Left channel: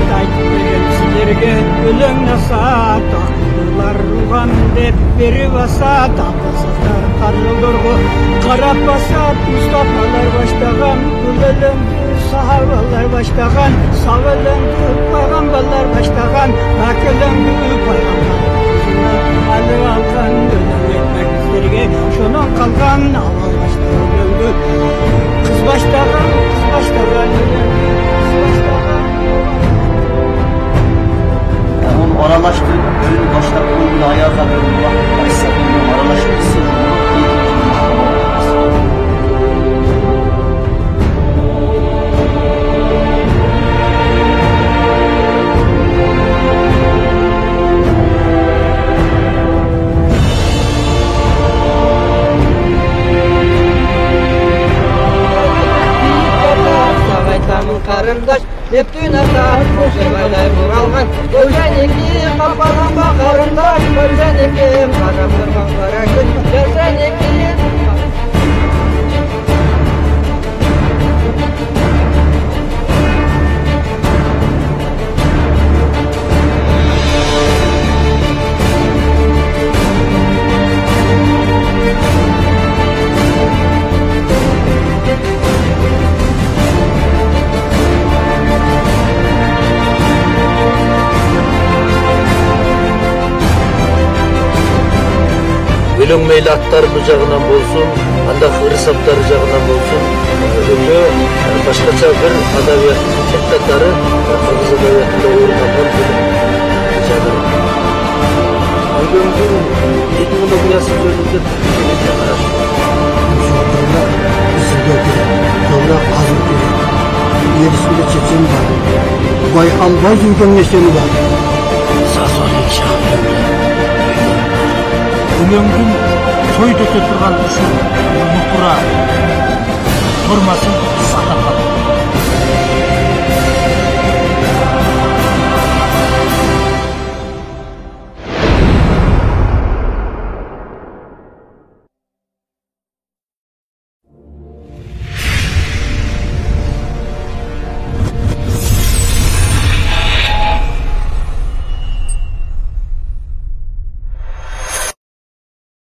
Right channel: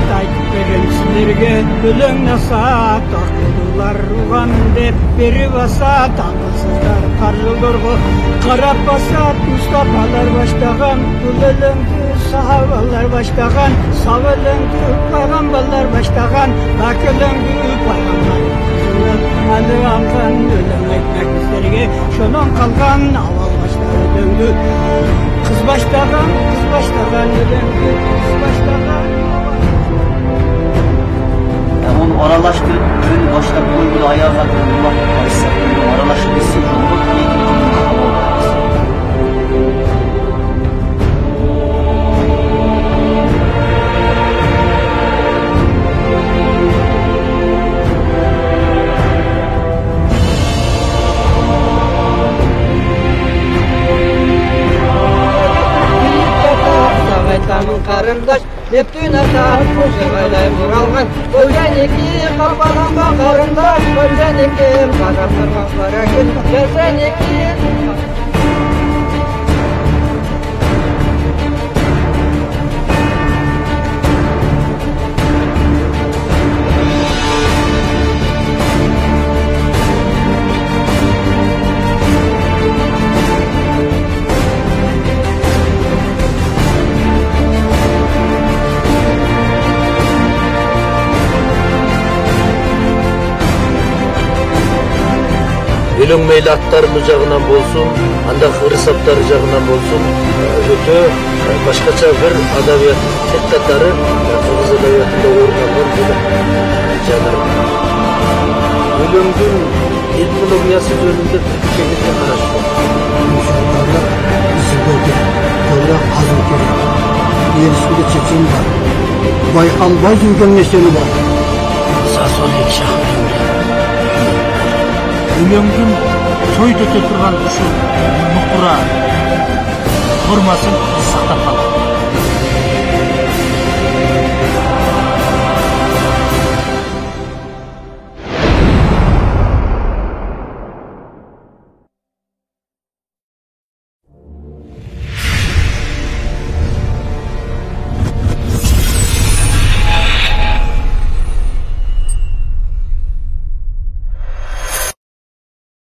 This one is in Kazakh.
насаат айтып берем силерге, өлең насаат акылдуулар уган деп берип асат, акылсыздар каржылдорго карап басат. Мустафалар баштаган бул өлеңдү, сахабалар баштаган сап өлеңдү, пайгамбарлар баштаган пак өлеңдү, пайгамбар алы алган өлең айтмак силерге, шонон калган авал баштаган өлеңдү, кыз баштаган өлеңдү, кыз баштаган. Onu aralaştırıp önünü başta koyduğu ayağa kadar Allah Aleyhisselam'ın aralaştırısı olup yediğini tamam olması. Sağaytamın karındaş, Neptün atar, koşaylay buralgan, Ölgen iki kapanan bakarındaş, Ölgen iki karap durgan kara gün, Ölgen iki. Өлең мейлі аттарымыз жағынан болсын, андақ ырысаптары жағынан болсын, өте башқаша бір адабият тектаттары қырғыз адабиятында орын алған бөлек жанр. Өлеңдің этнологиясы жөнінде келесі қарашты. Жолдарда іздеу керек, жолда қазу керек. Ерісінде чечен бар, байқалбай жүрген несені бар. Сазолик шақырында. Өлеңдің сойды өте тұрған үшін мұқыра формасын сақтап қалды.